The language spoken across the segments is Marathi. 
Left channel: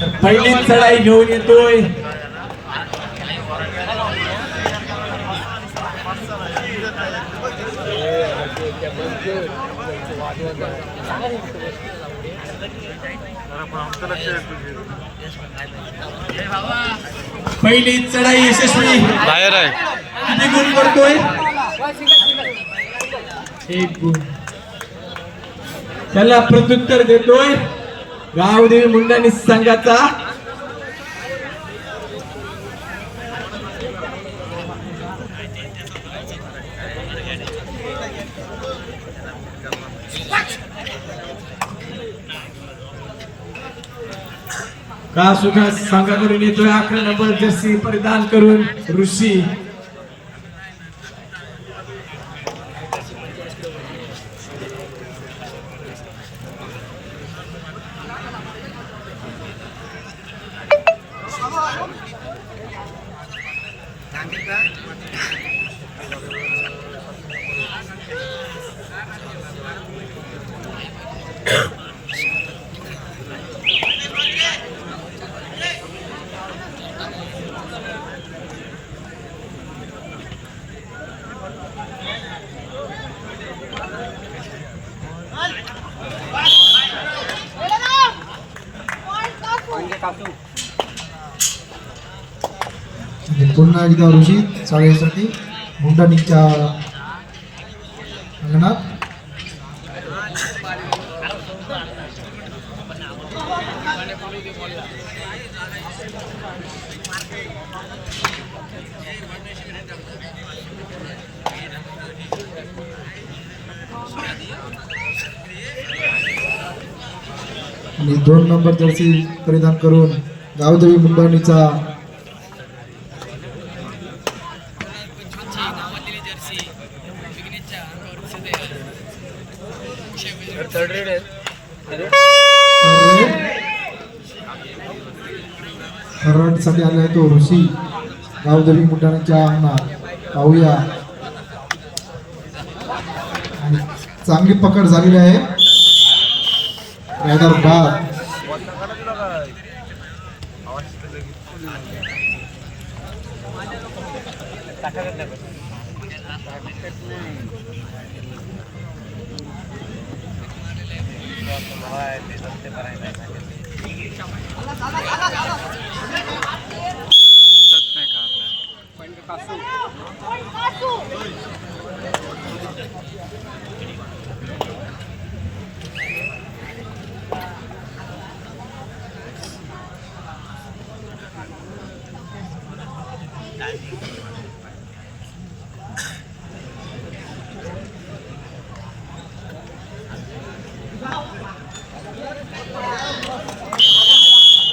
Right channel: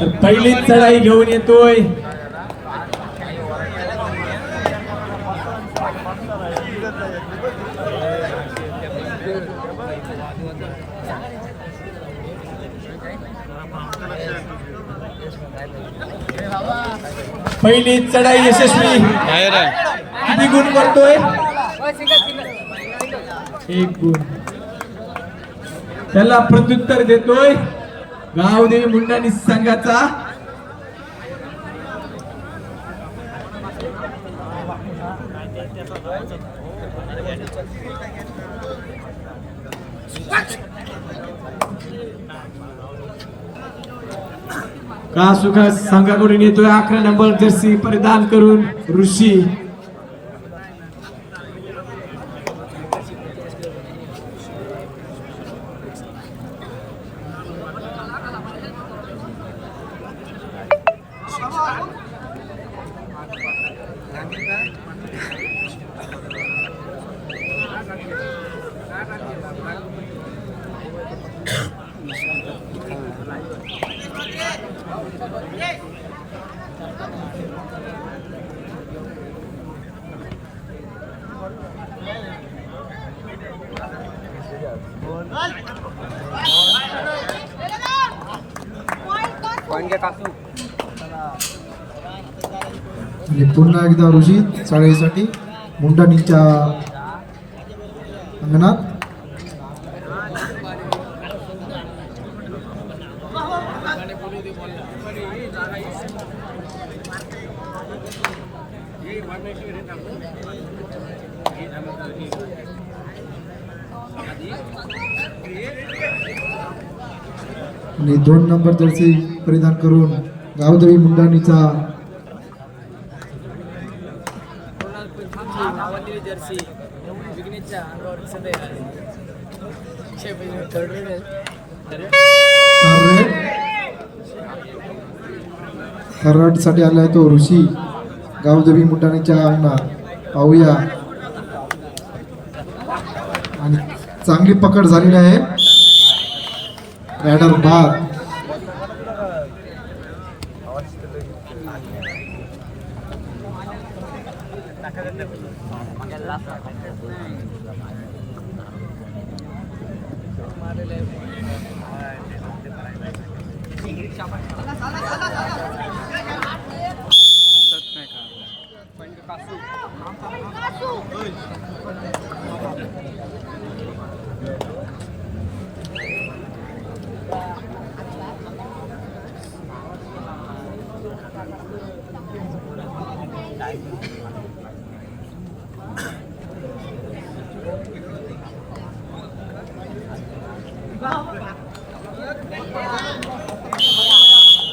तर पहिलीच चढाई घेऊन येतोय. पहिली चढाई यशस्वी. बाहेर आहे. किती गुण करतोय एक गुण. त्याला प्रत्युत्तर देतोय. गावदेवी मुंडानी संघाचा. का सुखा संघाकडून येतोय? अकरा नंबर जर्सी परिधान करून ऋषी. म्हणजे पुन्हा एकदा ऋषी चाळीसाठी मुंडाणीच्या अंगणात आणि दोन नंबर जर्सी परिधान करून गावदेवी मुंडाणीचा साठी आला आहे तो ऋषी. गावदेवी मुंडाण्याच्या अंगणात. पाहूया. आणि चांगली पकड झालेली आहे. रायडर बाद नाही काढला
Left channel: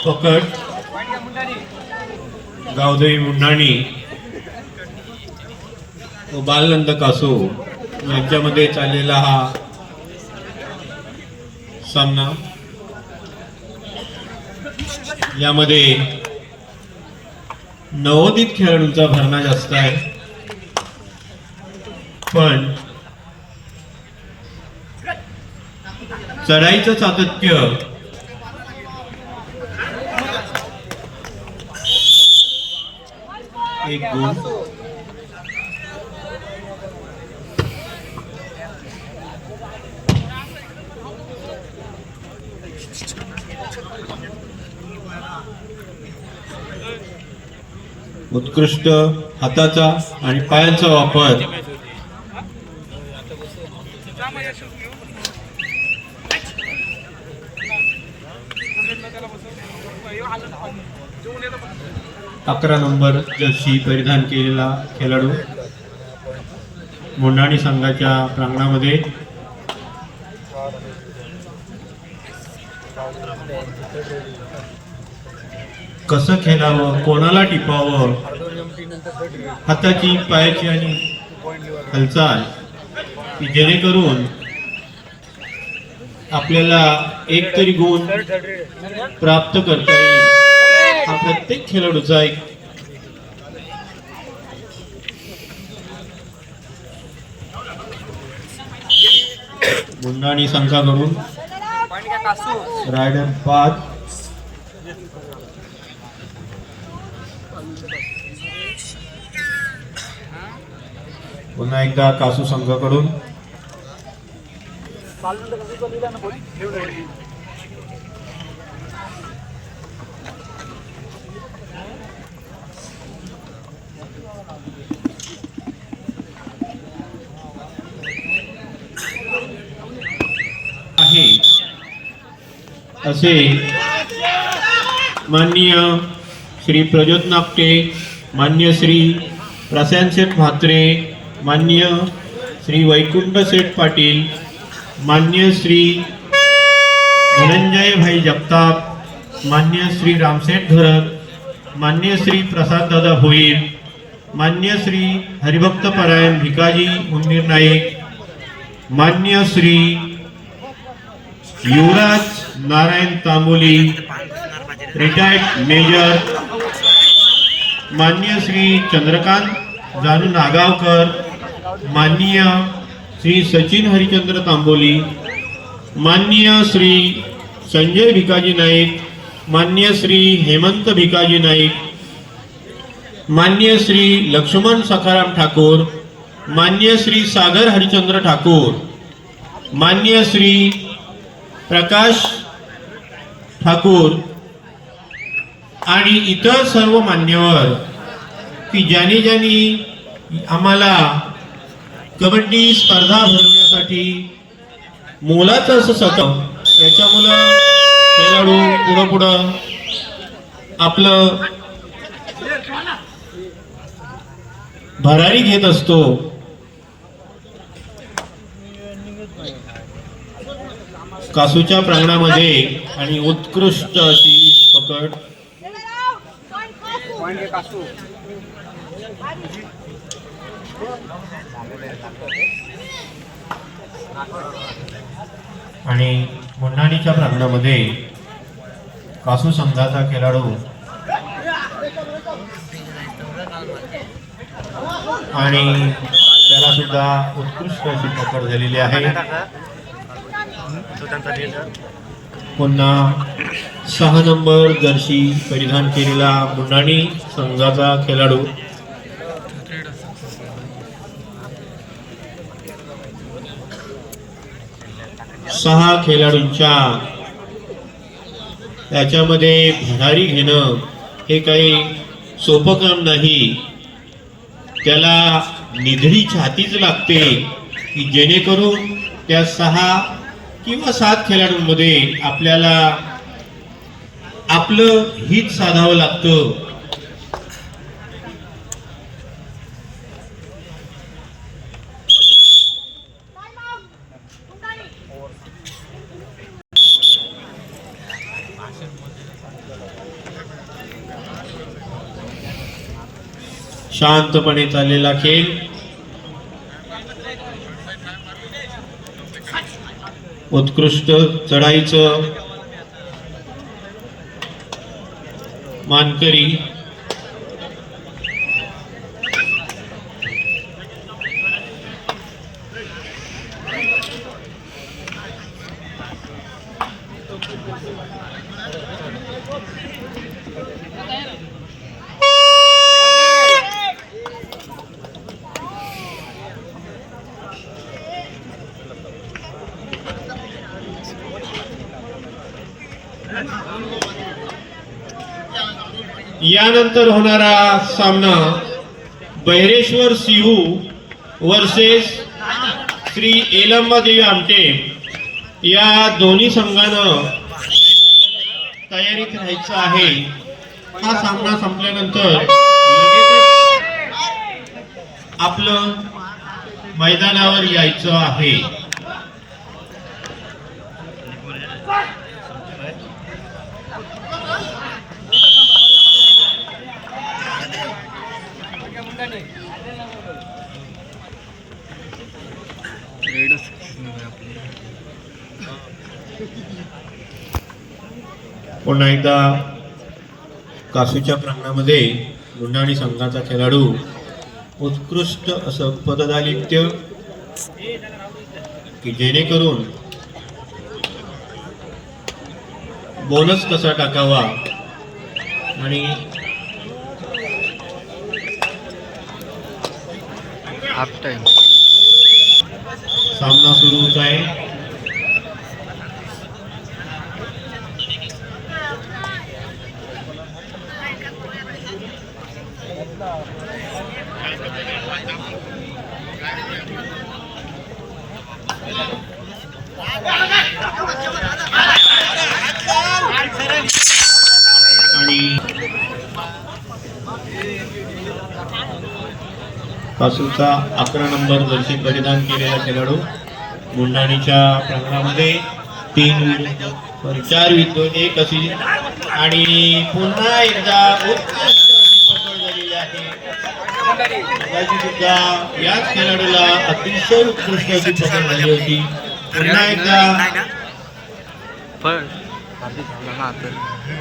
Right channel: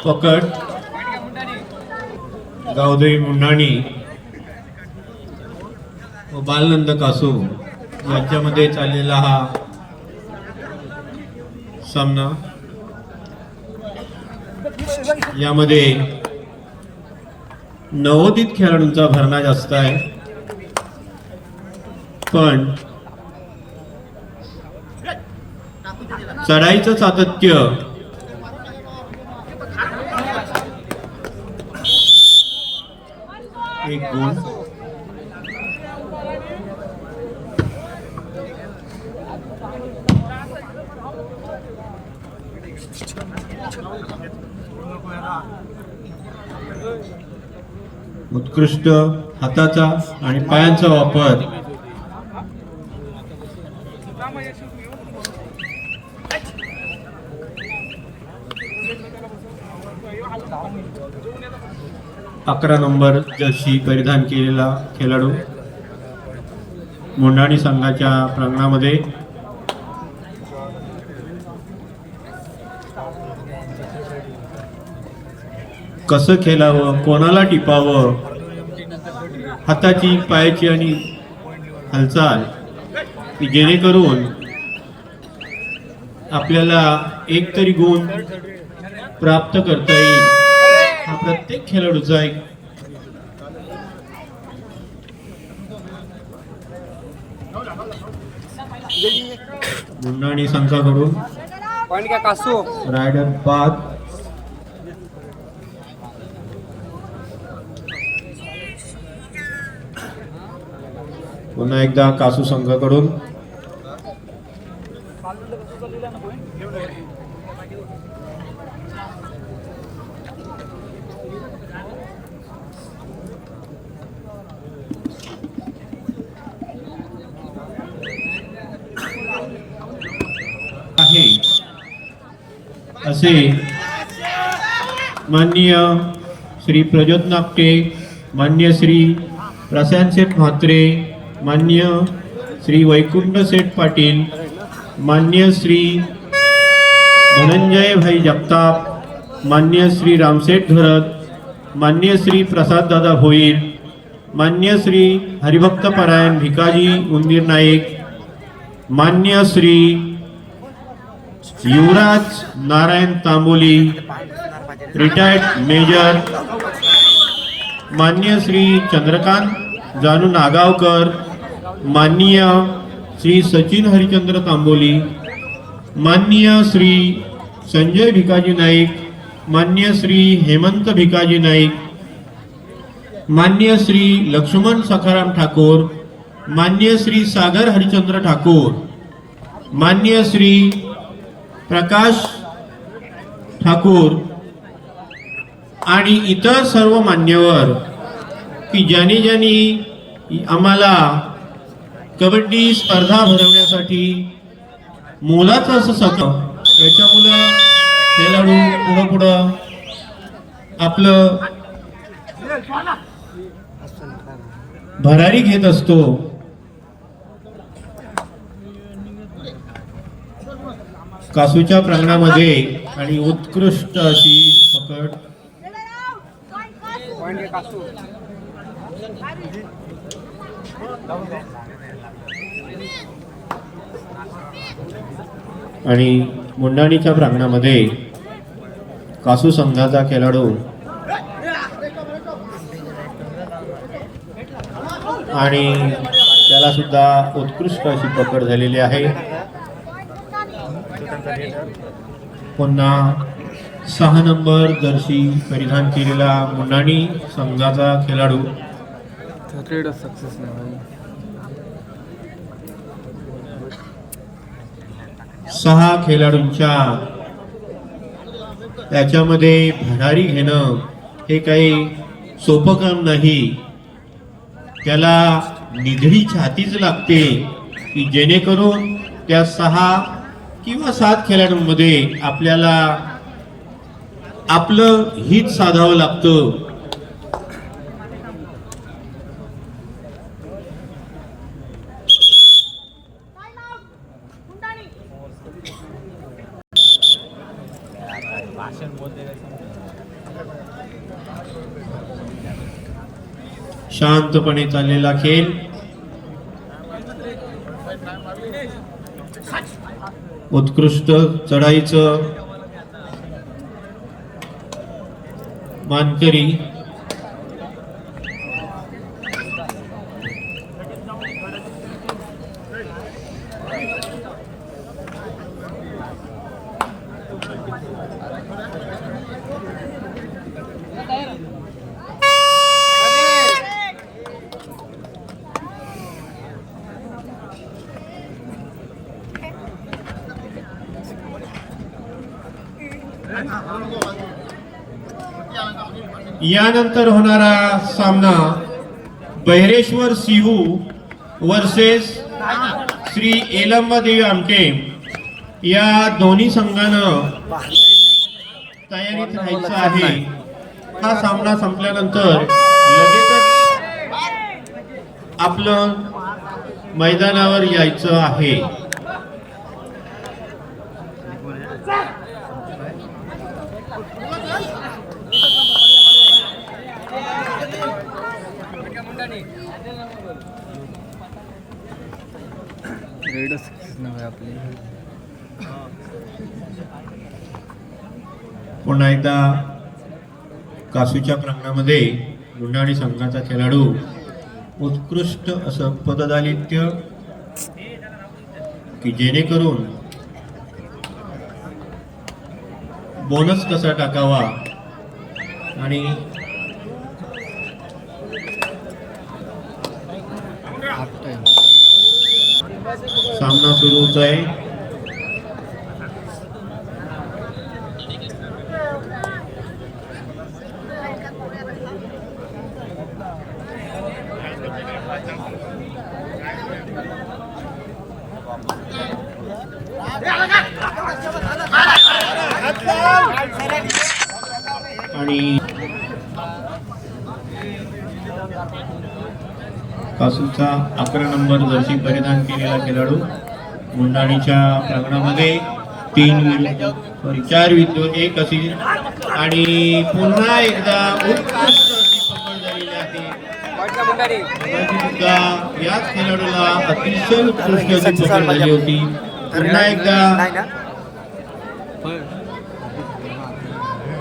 पकड गावदेवी मुंडाणी. व बालनंद कासू यांच्यामध्ये चाललेला हा सामना. यामध्ये नवोदित खेळाडूंचा भरणा जास्त आहे. पण चढाईचं सातत्य. एक गुण. उत्कृष्ट हाताचा आणि पायांचा वापर. अकरा नंबर जर्सी परिधान केलेला खेळाडू मोंडाणी संघाच्या प्रांगणामध्ये. कसं खेळावं कोणाला टिपावं हाताची पायाची आणि हालचाल की जेणेकरून आपल्याला एक तरी गुण प्राप्त करता येईल. हा प्रत्येक खेळाडूचा एक मुंडाणी संघाकडून रायडर बाद पुन्हा एकदा कासू संघाकडून. असे माननीय श्री प्रज्योत नापटे मान्य श्री प्रशांत शेठ म्हात्रे मान्य श्री वैकुंठ शेठ पाटील मान्य श्री धनंजय भाई जगताप मान्य श्री रामशेठ धरत मान्य श्री प्रसाद दादा भोईर मान्य श्री हरिभक्त परायण भिकाजी उंदीर नाईक मान्य श्री युवराज नारायण तांबोली रिटायर्ड मेजर मान्य श्री चंद्रकांत जानू नागावकर माननीय श्री सचिन हरिचंद्र तांबोली माननीय श्री संजय भिकाजी नाईक मान्य श्री हेमंत भिकाजी नाईक मान्य श्री लक्ष्मण सखाराम ठाकूर मान्य श्री सागर हरिचंद्र ठाकूर मान्य श्री प्रकाश ठाकूर आणि इतर सर्व मान्यवर की ज्यांनी ज्यांनी आम्हाला कबड्डी स्पर्धा भरवण्यासाठी मोलाचं असं सत याच्यामुळं खेळाडू पुढं पुढं आपलं भरारी घेत असतो. कासूच्या प्रांगणामध्ये आणि उत्कृष्ट अशी पकड. आणि मुंडाणीच्या प्रांगणामध्ये कासू संघाचा खेळाडू. आणि त्याला सुद्धा उत्कृष्ट अशी पकड झालेली आहे. पुन्हा सहा नंबर जर्सी परिधान केलेला मुंडाणी संघाचा खेळाडू. सहा खेळाडूंच्या त्याच्यामध्ये भरारी घेणं हे काही सोपं काम नाही. त्याला निधडी छातीच लागते की जेणेकरून त्या सहा किंवा सात खेळाडूंमध्ये आपल्याला आपलं हित साधावं लागतं. शांतपणे चाललेला खेळ. उत्कृष्ट चढाईचं मानकरी यानंतर होणारा सामना बहिरेश्वर सिंहू वर्सेस श्री एलम्मदेवी आमटे. या दोन्ही संघानं तयारीत राहायचं आहे. हा सामना संपल्यानंतर लगेचच आपलं मैदानावर यायचं आहे. रेड सक्सेस नव्हे आपली पुन्हा एकदा कासूच्या प्रांगणामध्ये गुंडाणी संघाचा खेळाडू उत्कृष्ट असं पददालित्य की जेणेकरून बोनस कसा टाकावा आणि हाफ टाइम सामना सुरू होत आहे आणि कासूचा अकरा नंबर जर्सी परिधान केलेला खेळाडू. मुंडाणीच्या प्रांगणामध्ये तीन विरुद्ध सॉरी चार विरुद्ध एक अशी. आणि पुन्हा एकदा उत्कृष्ट अशी पकड झालेली आहे. मगाशी सुद्धा याच खेळाडूला अतिशय उत्कृष्ट अशी पकड झाली होती. पुन्हा एकदा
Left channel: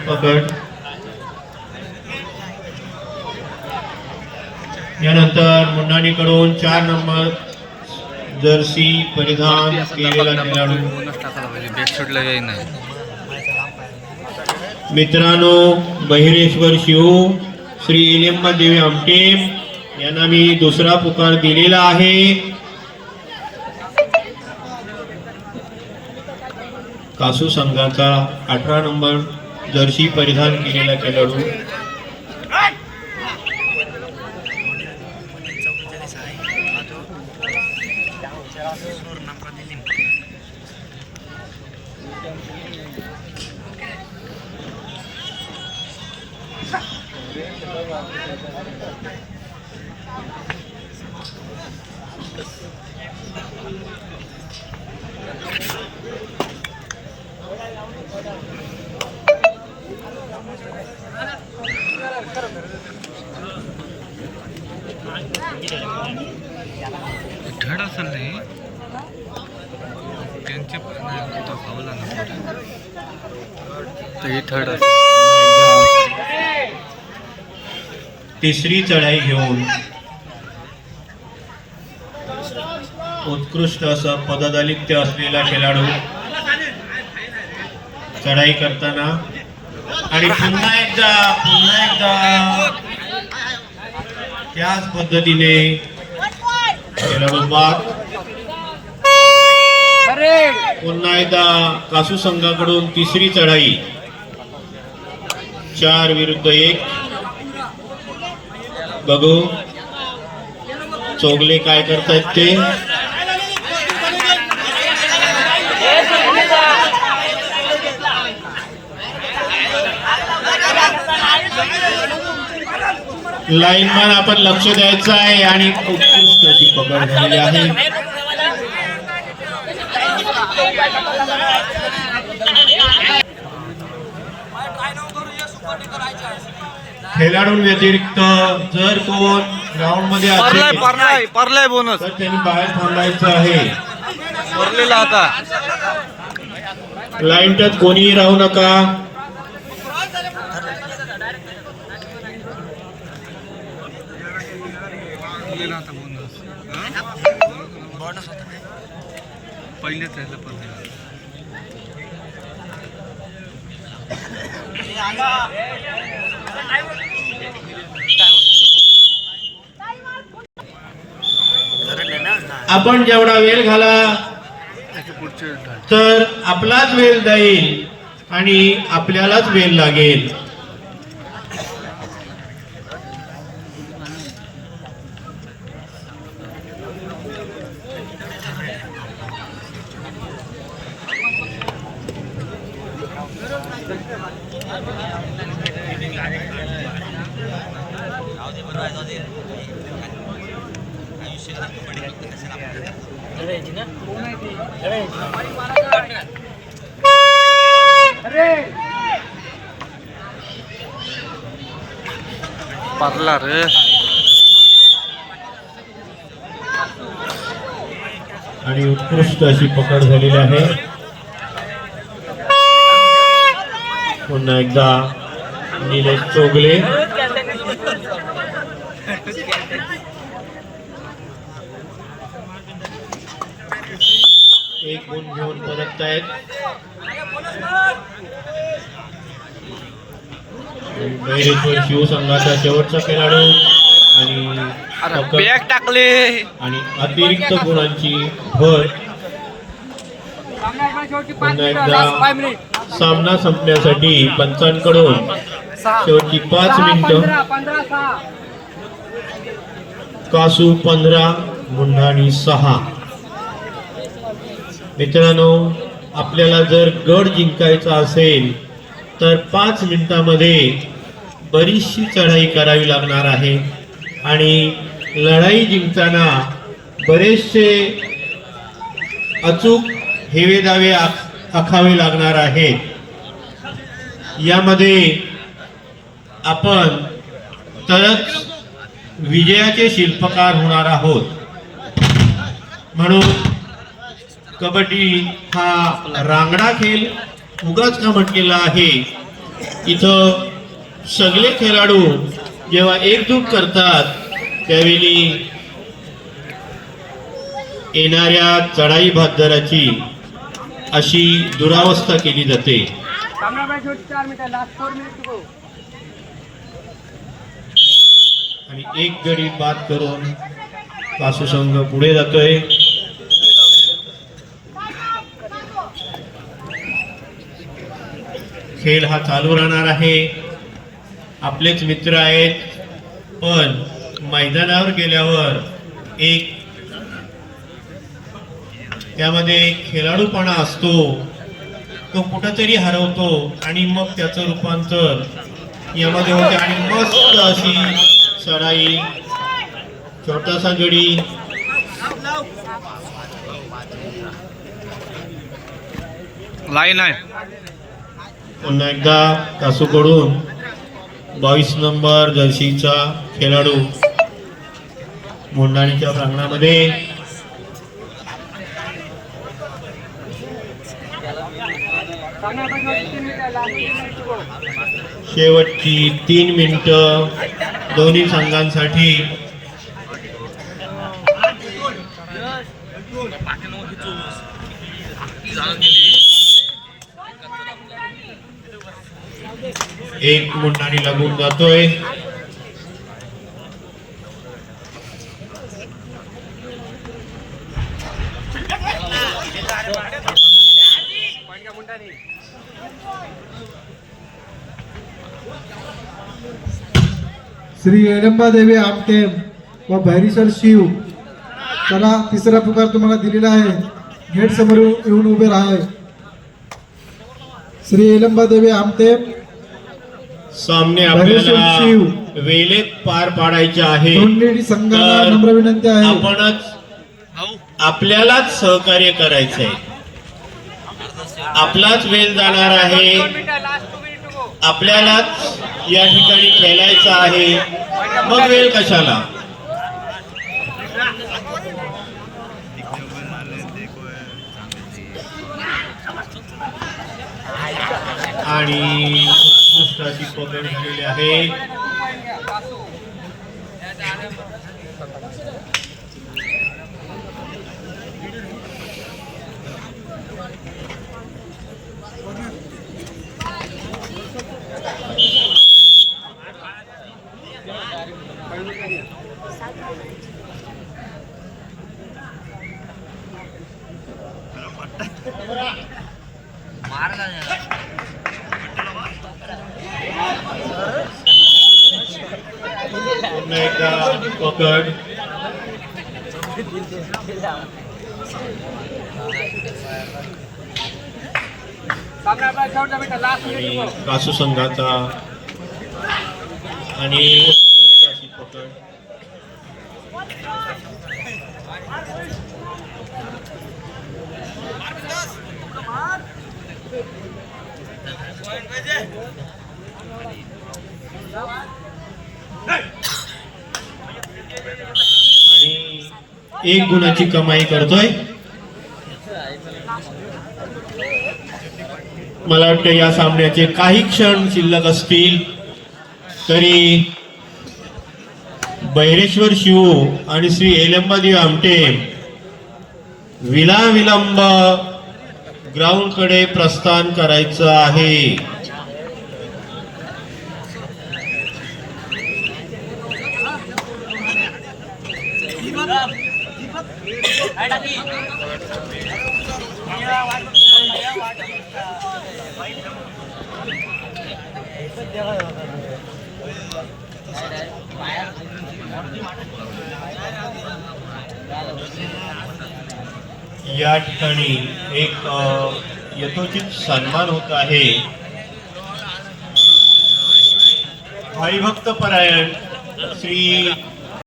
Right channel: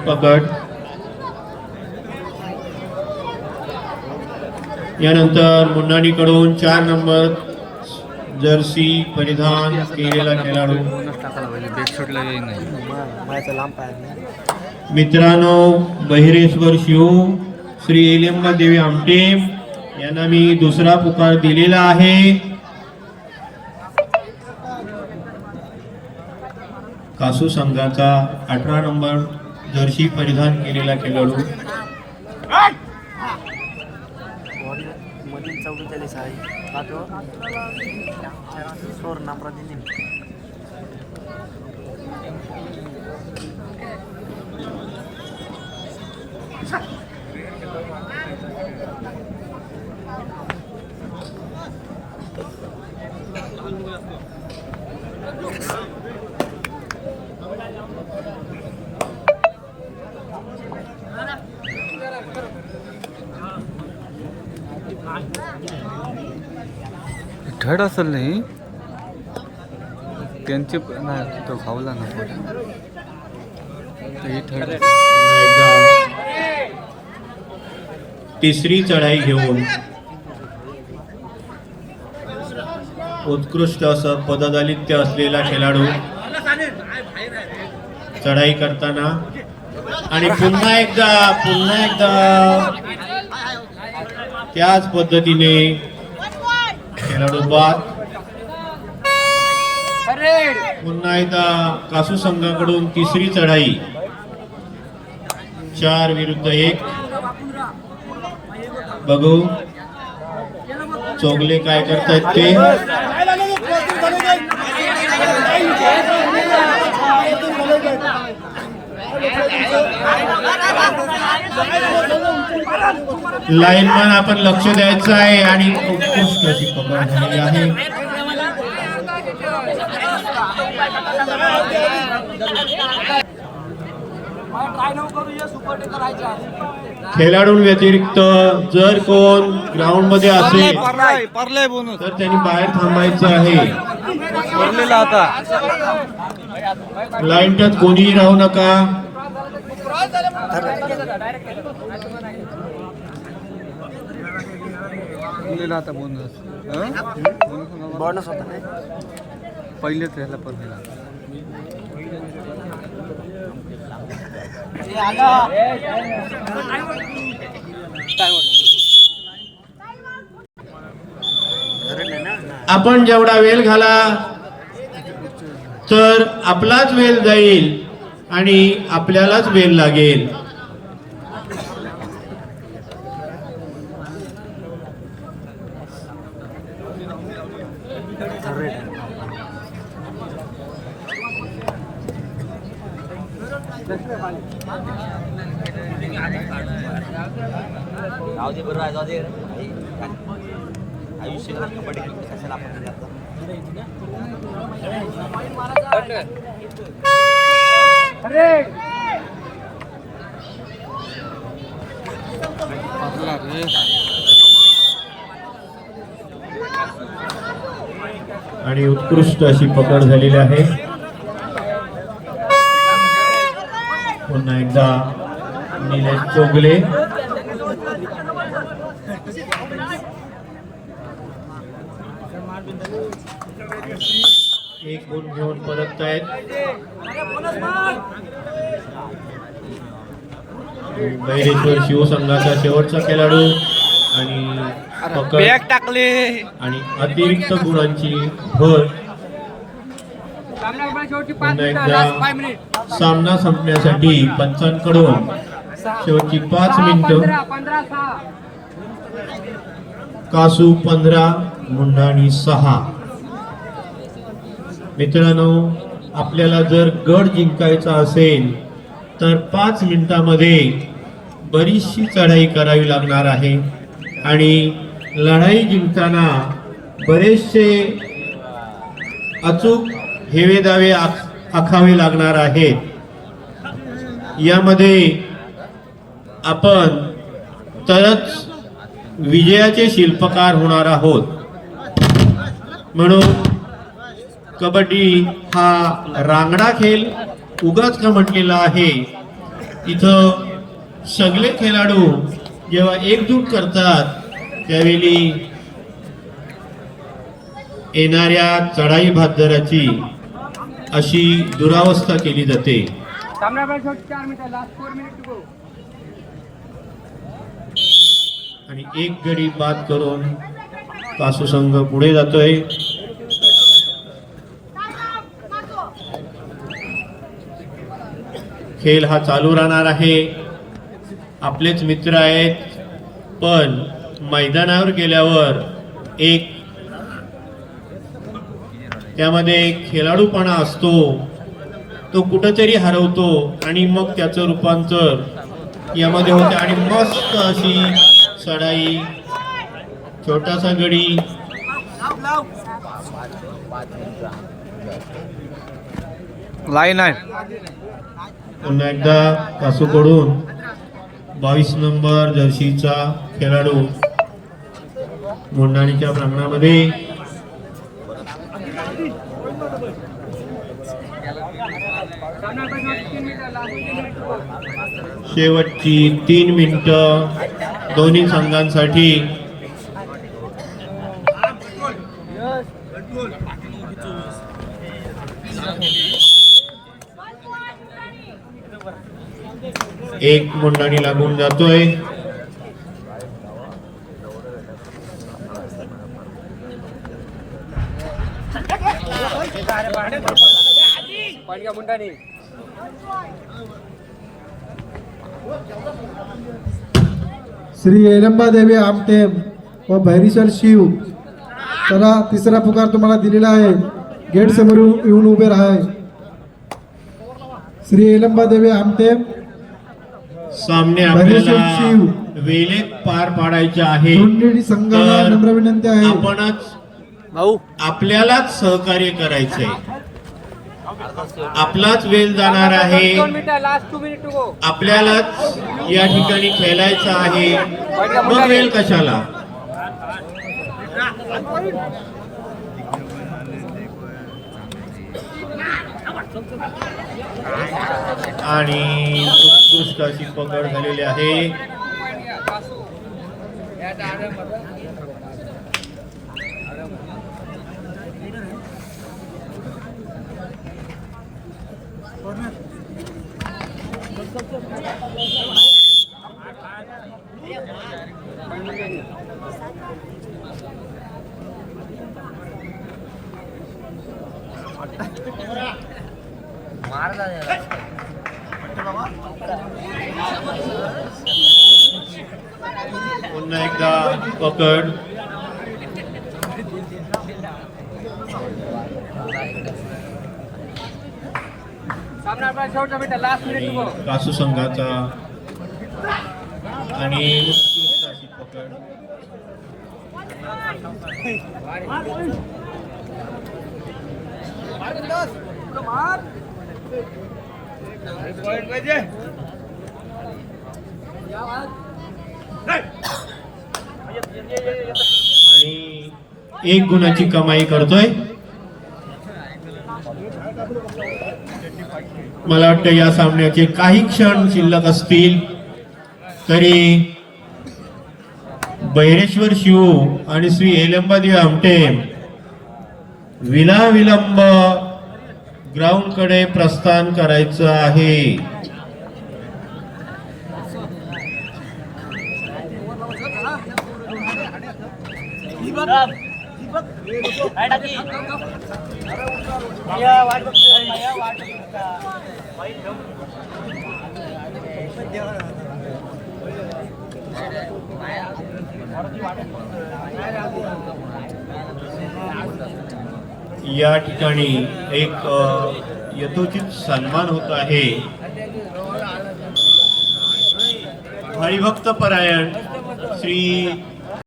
पकड. यानंतर मुंडाणीकडून चार नंबर जर्सी परिधान केलेला खेळाडू. मित्रांनो बहिरेश्वर शिव श्री एलियम्मा देवी आमटेम यांना मी दुसरा पुकार दिलेला आहे. कासू संघाचा अठरा नंबर जर्सी परिधान केलेला खेळाडू थर्ड असेल नाही. त्यांचे नाही तो खावला ना तर हे थर्ड एकदा तिसरी चढाई घेऊन. उत्कृष्ट असं पददलित्य असलेला खेळाडू. चढाई करताना. आणि पुन्हा एकदा पुन्हा एकदा. त्याच पद्धतीने खेळाडू पुन्हा एकदा कासू संघाकडून तिसरी चढाई. चार विरुद्ध एक. बघू. चोगले काय करतात ते. लाईनमॅन आपण लक्ष द्यायचं आहे आणि उत्कृष्ट अशी पकड झालेली आहे. खेळाडूंव्यतिरिक्त जर कोण ग्राउंडमध्ये असेल बोनस तर त्यांनी बाहेर थांबायचं आहे. आता. लाईन टच कोणीही राहू नका. आता बोनस बोनस होता. पहिलेच यायला परलेला आपण जेवढा वेळ घाला. तर आपलाच वेळ जाईल. आणि आपल्यालाच वेळ लागेल. परला eh. आणि उत्कृष्ट अशी पकड झालेली आहे. पुन्हा एकदा निलेश चोगले. एक गुण घेऊन परत आहेत शिवसंघाचा शेवटचा खेळाडू आणि टाकले. आणि अतिरिक्त गुणांची भर. सामना संपण्यासाठी पंचांकडून शेवटची पाच मिनिटं. कासू पंधरा मुंढाणी सहा. मित्रांनो आपल्याला जर गड जिंकायचा असेल तर पाच मिनिटामध्ये बरीचशी चढाई करावी लागणार आहे. आणि लढाई जिंकताना बरेचसे अचूक हेवेदावे आख- आखावे लागणार आहेत. यामध्ये आपण तरच विजयाचे शिल्पकार होणार आहोत. म्हणून कबड्डी हा रांगडा खेळ उगाच का म्हटलेला आहे? इथं सगळे खेळाडू जेव्हा एकजूट करतात त्यावेळी येणाऱ्या चढाई भागदराची अशी दुरावस्था केली जाते. आणि एक गडी बाद करून कासू संघ पुढे जातोय. खेळ हा चालू राहणार आहे. आपलेच मित्र आहेत पण मैदानावर गेल्यावर एक त्यामध्ये एक खेळाडूपणा असतो. तो कुठंतरी हरवतो आणि मग त्याचं रूपांतर यामध्ये होते आणि मस्त अशी चढाई छोटासा गडी. लाईन आहे. पुन्हा एकदा कासूकडून बावीस नंबर जर्सीचा खेळाडू मोंडाणीच्या प्रांगणामध्ये. शेवटची तीन मिनिटं दोन्ही संघांसाठी. एक मुंडाणी लागून जातोय. श्री देवी आमटे व भैरीश्वर शिव. त्याला तिसरा पुकार तुम्हाला दिलेला आहे. गेट समोर येऊन उभे राहा श्री देवी आमटे सामने आपल्याला. वेळेत पार पाडायचे आहे. दोन्ही संघांना तर नम्र विनंती आहे. आपणच भाऊ. आपल्यालाच सहकार्य करायचंय. आपलाच वेळ जाणार आहे. आपल्यालाच या ठिकाणी खेळायचं आहे. मग वेळ कशाला? आणि उत्कृष्ट अशी पकड झालेली आहे पुन्हा एकदा पकड आणि कासू संघाचा आणि उत्कृष्ट अशी पकड आणि एक गुणाची कमाई करतोय. मला वाटतं या सामन्याचे काही क्षण शिल्लक असतील. तरी बैरेश्वर शिव आणि श्री एलंबादेव आमटे विलाविलंब ग्राउंडकडे प्रस्थान करायचं आहे. या ठिकाणी एक यथोचित सन्मान होत आहे. हरिभक्त परायण श्री